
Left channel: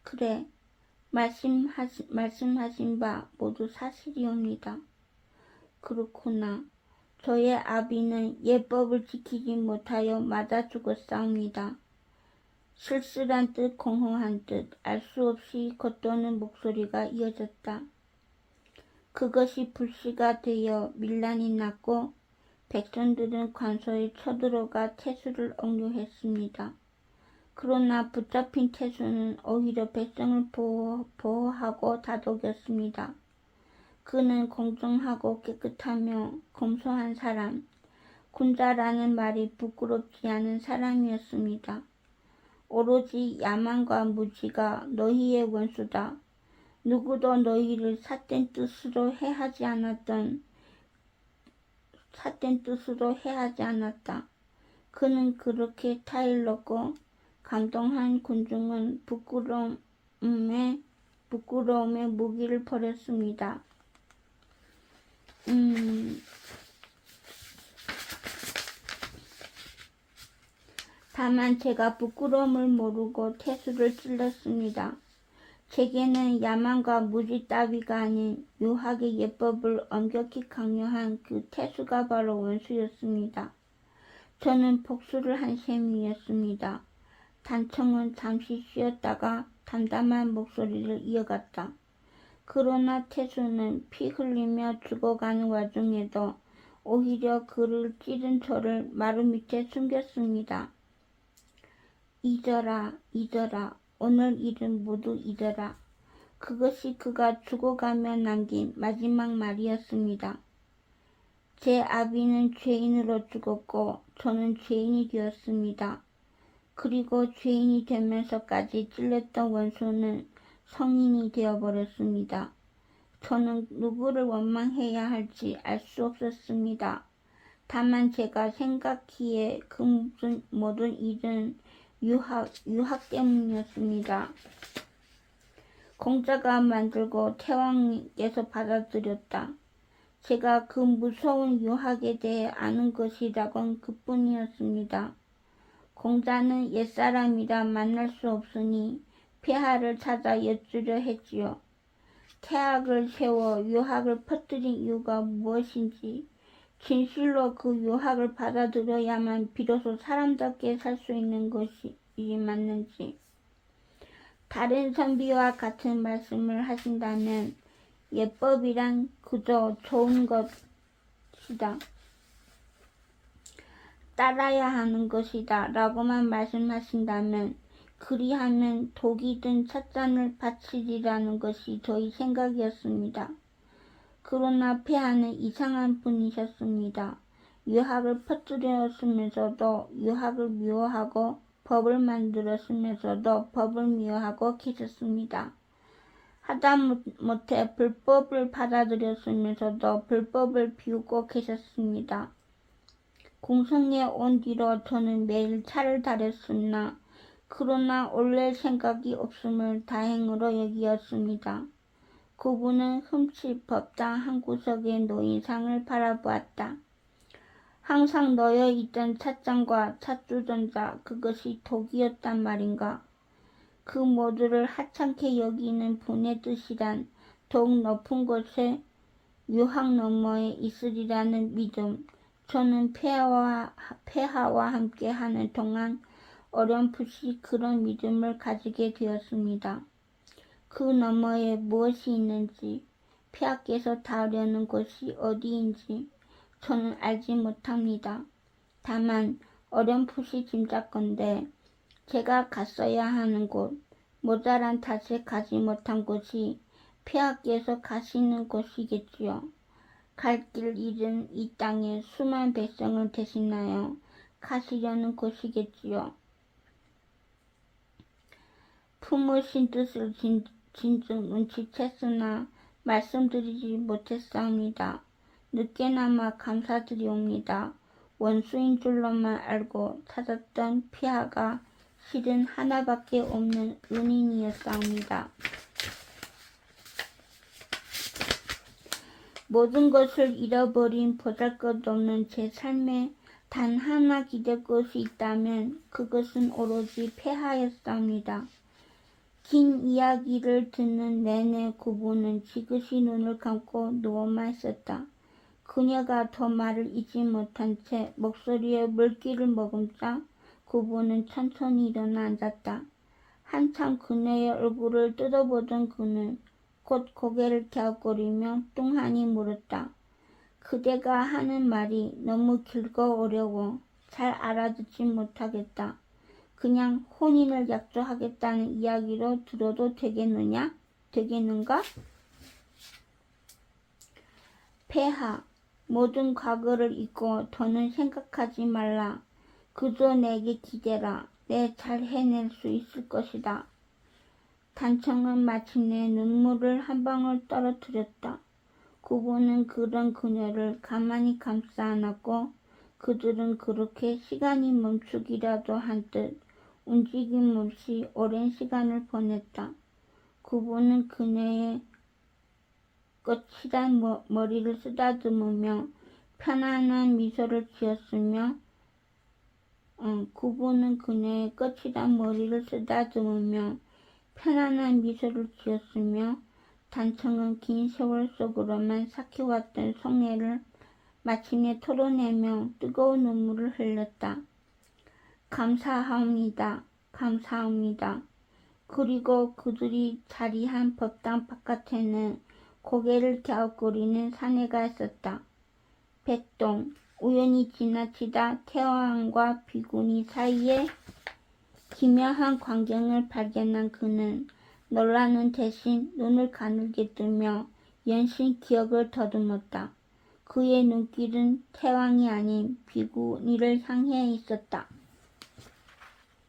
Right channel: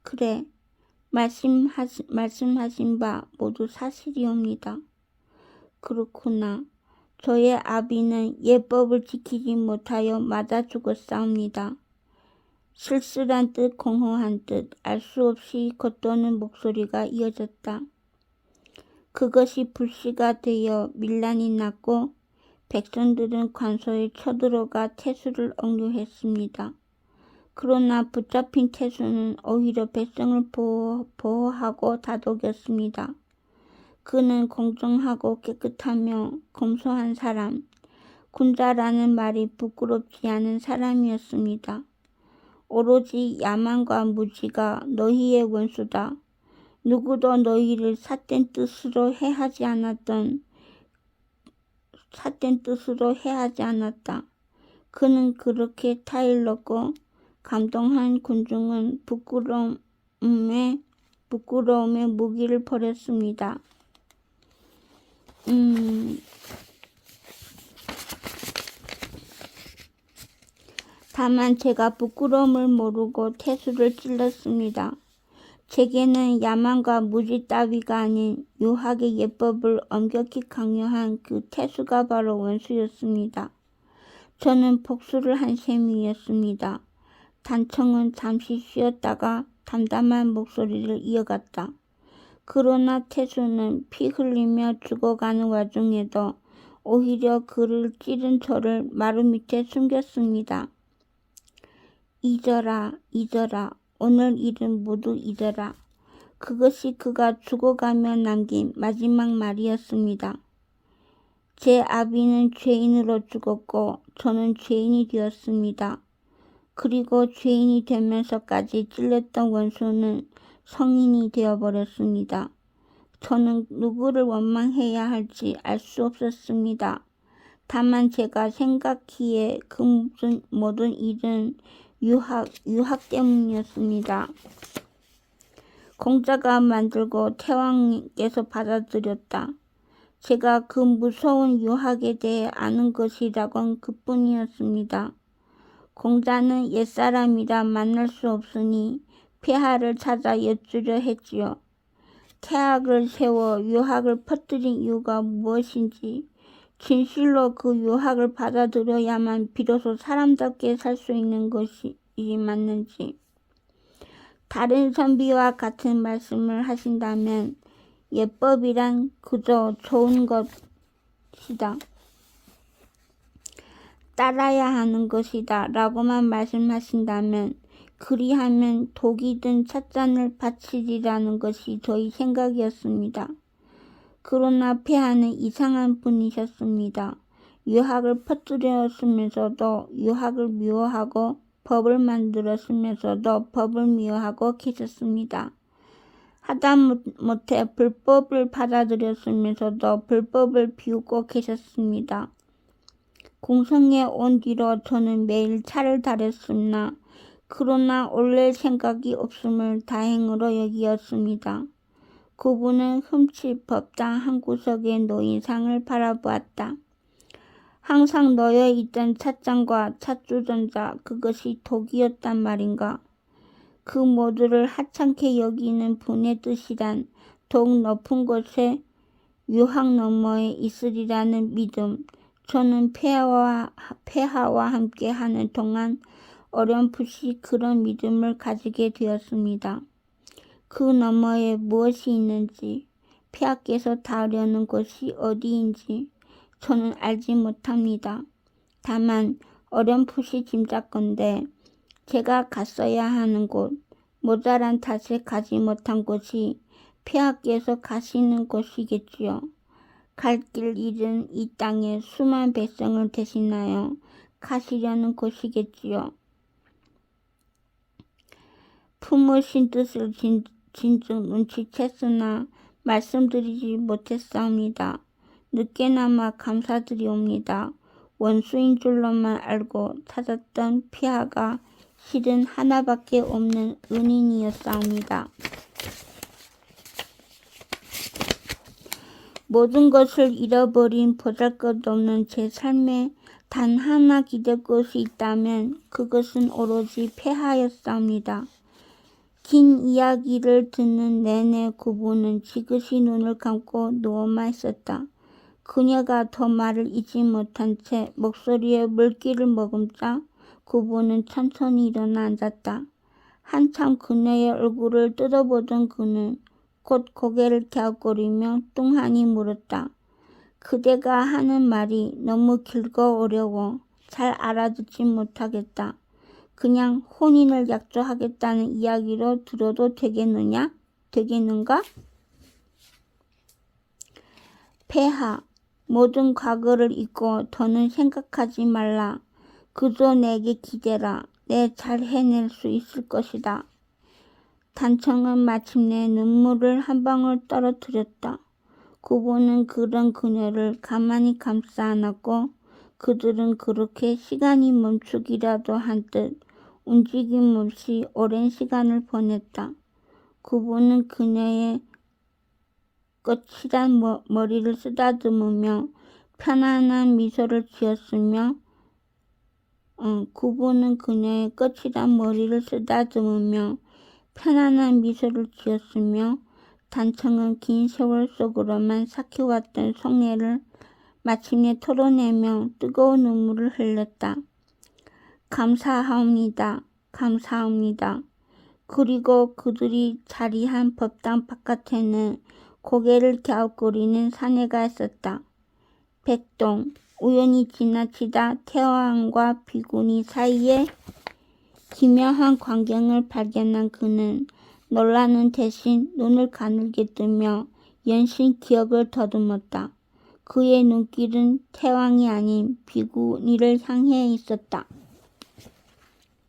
그래, 말씀하신 바 모두 사실이옵니다. 그렇구나. 저의 아비는 예법을 지키지 못하여 맞아 죽었사옵니다. 쓸쓸한 듯 공허한 듯 알 수 없이 겉도는 목소리가 이어졌다. 그것이 불씨가 되어 밀란이 났고 백성들은 관소에 쳐들어가 태수를 억류했습니다. 그러나 붙잡힌 태수는 오히려 백성을 보호하고 다독였습니다. 그는 공정하고 깨끗하며 검소한 사람, 군자라는 말이 부끄럽지 않은 사람이었습니다. 오로지 야만과 무지가 너희의 원수다. 누구도 너희를 삿된 뜻으로 해하지 않았다. 그는 그렇게 타일렀고 감동한 군중은 부끄러움에 무기를 버렸습니다. 다만 제가 부끄러움을 모르고 태수를 찔렀습니다. 제게는 야만과 무지 따위가 아닌 유학의 예법을 엄격히 강요한 그 태수가 바로 원수였습니다. 저는 복수를 한 셈이었습니다. 단청은 잠시 쉬었다가 담담한 목소리를 이어갔다. 그러나 태수는 피 흘리며 죽어가는 와중에도 오히려 그를 찌른 저를 마루 밑에 숨겼습니다. 잊어라, 오늘 일은 모두 잊어라. 그것이 그가 죽어가며 남긴 마지막 말이었습니다. 제 아비는 죄인으로 죽었고 저는 죄인이 되었습니다. 그리고 죄인이 되면서까지 찔렸던 원수는 성인이 되어버렸습니다. 저는 누구를 원망해야 할지 알 수 없었습니다. 다만 제가 생각기에 그 모든 일은 유학 때문이었습니다. 공자가 만들고 태왕께서 받아들였다. 제가 그 무서운 유학에 대해 아는 것이라곤 그뿐이었습니다. 공자는 옛사람이라 만날 수 없으니 폐하를 찾아 여쭈려 했지요. 태학을 세워 유학을 퍼뜨린 이유가 무엇인지, 진실로 그 유학을 받아들여야만 비로소 사람답게 살 수 있는 것이 맞는지, 다른 선비와 같은 말씀을 하신다면 예법이란 그저 좋은 것이다, 따라야 하는 것이다 라고만 말씀하신다면 그리하면 독이 든 찻잔을 바치리라는 것이 저희 생각이었습니다. 그러나 폐하는 이상한 분이셨습니다. 유학을 퍼뜨렸으면서도 유학을 미워하고 법을 만들었으면서도 법을 미워하고 계셨습니다. 하다못해 불법을 받아들였으면서도 불법을 비웃고 계셨습니다. 공성에 온 뒤로 저는 매일 차를 다렸으나 그러나 올릴 생각이 없음을 다행으로 여기었습니다. 그분은 흠칫 법당 한 구석에 놓인 상을 바라보았다. 항상 놓여있던 찻잔과 찻주전자, 그것이 독이었단 말인가. 그 모두를 하찮게 여기는 분의 뜻이란 더욱 높은 곳에 유학 너머에 있으리라는 믿음, 저는 폐하와 함께 하는 동안 어렴풋이 그런 믿음을 가지게 되었습니다. 그 너머에 무엇이 있는지, 폐하께서 닿으려는 곳이 어디인지 저는 알지 못합니다. 다만 어렴풋이 짐작건대 제가 갔어야 하는 곳, 모자란 탓에 가지 못한 곳이 폐하께서 가시는 곳이겠지요. 갈 길 잃은 이 땅에 수많은 백성을 대신하여 가시려는 곳이겠지요. 품으신 뜻을 진즉 눈치챘으나 말씀드리지 못했사옵니다. 늦게나마 감사드리옵니다. 원수인 줄로만 알고 찾았던 폐하가 실은 하나밖에 없는 은인이었사옵니다. 모든 것을 잃어버린 보잘것없는 제 삶에 단 하나 기댈 곳이 있다면 그것은 오로지 폐하였사옵니다. 긴 이야기를 듣는 내내 구부는 지그시 눈을 감고 누워만 있었다. 그녀가 더 말을 잇지 못한 채 목소리에 물기를 머금자 구부는 천천히 일어나 앉았다. 한참 그녀의 얼굴을 뜯어보던 그는 곧 고개를 갸웃거리며 뚱하니 물었다. 그대가 하는 말이 너무 길고 어려워 잘 알아듣지 못하겠다. 그냥 혼인을 약조하겠다는 이야기로 들어도 되겠느냐? 되겠는가? 폐하, 모든 과거를 잊고 더는 생각하지 말라. 그저 내게 기대라. 내 잘 해낼 수 있을 것이다. 단청은 마침내 눈물을 한 방울 떨어뜨렸다. 구부는 그런 그녀를 가만히 감싸 안았고 그들은 그렇게 시간이 멈추기라도 한 듯 움직임 없이 오랜 시간을 보냈다. 구부는 그녀의 거칠한 머리를 쓰다듬으며 편안한 미소를 지었으며 구부는 그녀의 거칠한 머리를 쓰다듬으며 편안한 미소를 지었으며 단청은 긴 세월 속으로만 삭혀왔던 속내를 마침내 털어내며 뜨거운 눈물을 흘렸다. 감사하옵니다. 감사합니다. 그리고 그들이 자리한 법당 바깥에는 고개를 갸웃거리는 사내가 있었다. 백동, 우연히 지나치다 태왕과 비구니 사이에 기묘한 광경을 발견한 그는 놀라는 대신 눈을 가늘게 뜨며 연신 기억을 더듬었다. 그의 눈길은 태왕이 아닌 비구니를 향해 있었다.